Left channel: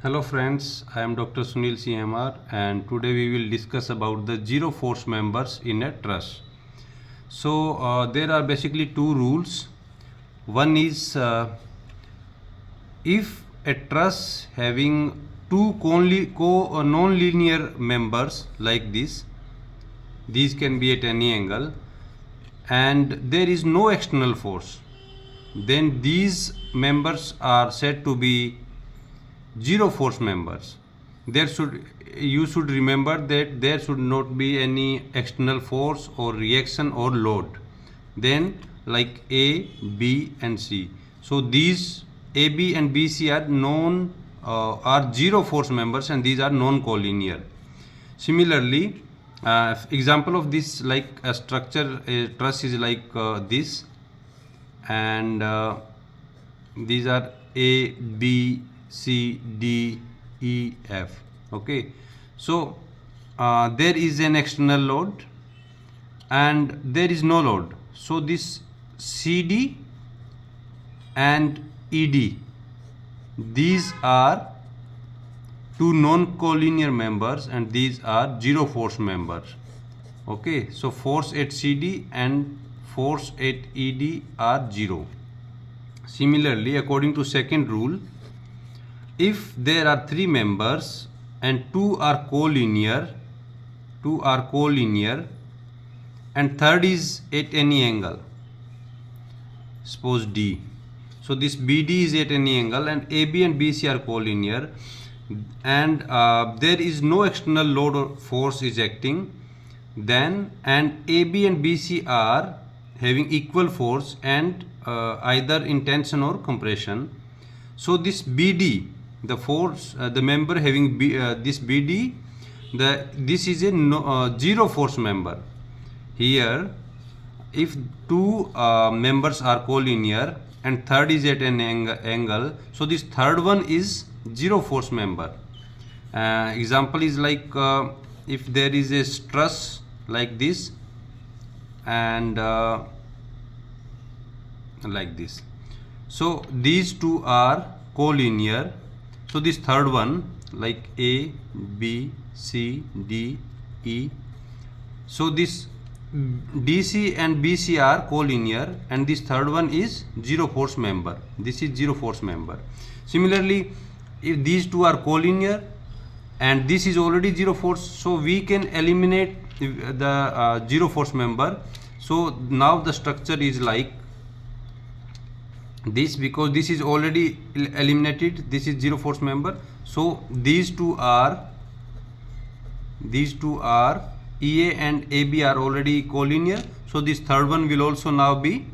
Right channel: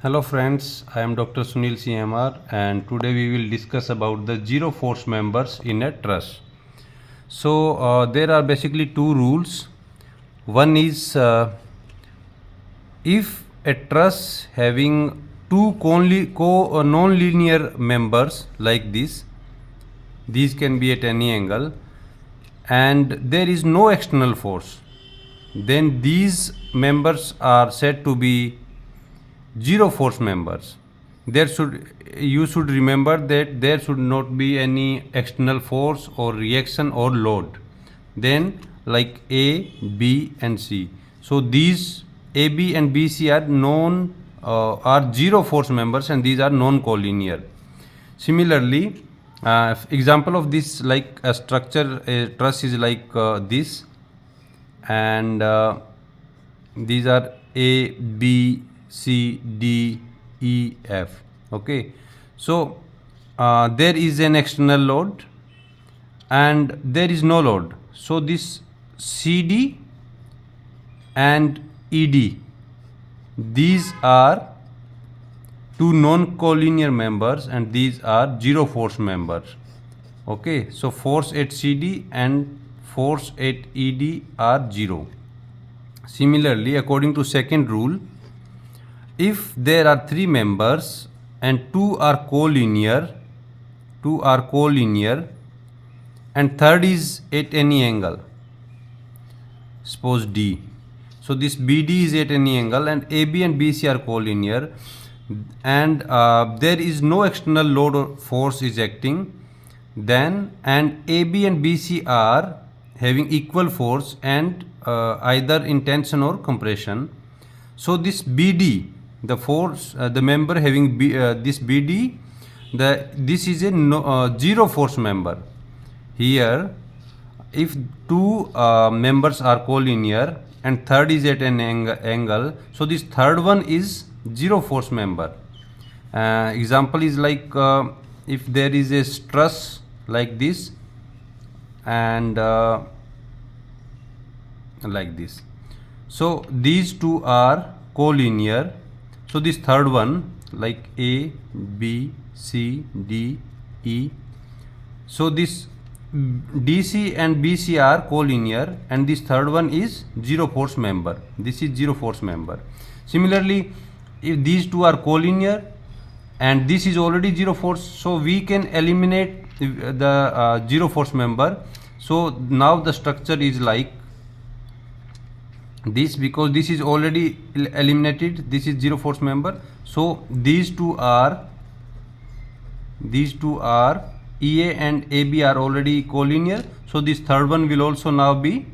Hello friends, I am Dr. Sunil Sinhmar and today we will discuss about the zero force members in a truss. So there are basically two rules. One is if a truss having two non-linear members like this, these can be at any angle and there is no external force, then these members are said to be zero force members. You should remember that there should not be any external force or reaction or load. Then like A, B and C. So these A, B and B, C are zero force members and these are non-collinear. Similarly, example of this, like a structure, a truss is like this, and these are A, B, C, D, E, F. Okay, so there is an external load and there is no load. So this CD and ED, these are two non-collinear members and these are zero force members. Okay, so force at CD and force at ED are zero. Similarly, according to second rule, if there are three members and two are collinear and third is at any angle, suppose D. So this BD is at any angle and AB and BC are collinear and there is no external load or force is acting, then and AB and BC are having equal force and either in tension or compression. So this BD, the force, the member having this BD, this is a zero force member. Here, if two members are collinear and third is at an angle, so this third one is zero force member. Example is like if there is a truss like this and like this. So these two are collinear. So this third one like A, B, C, D, E. So this DC and BC are collinear and this third one is zero force member. This is zero force member. Similarly, if these two are collinear and this is already zero force, so we can eliminate the zero force member. So now the structure is like this, because this is already eliminated, this is zero force member. So these two are EA and AB are already collinear, so this third one will also now be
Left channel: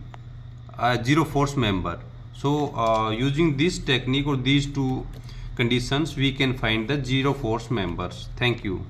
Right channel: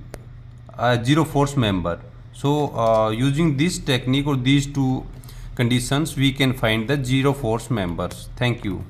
a zero force member. So using this technique or these two conditions, we can find the zero force members. Thank you.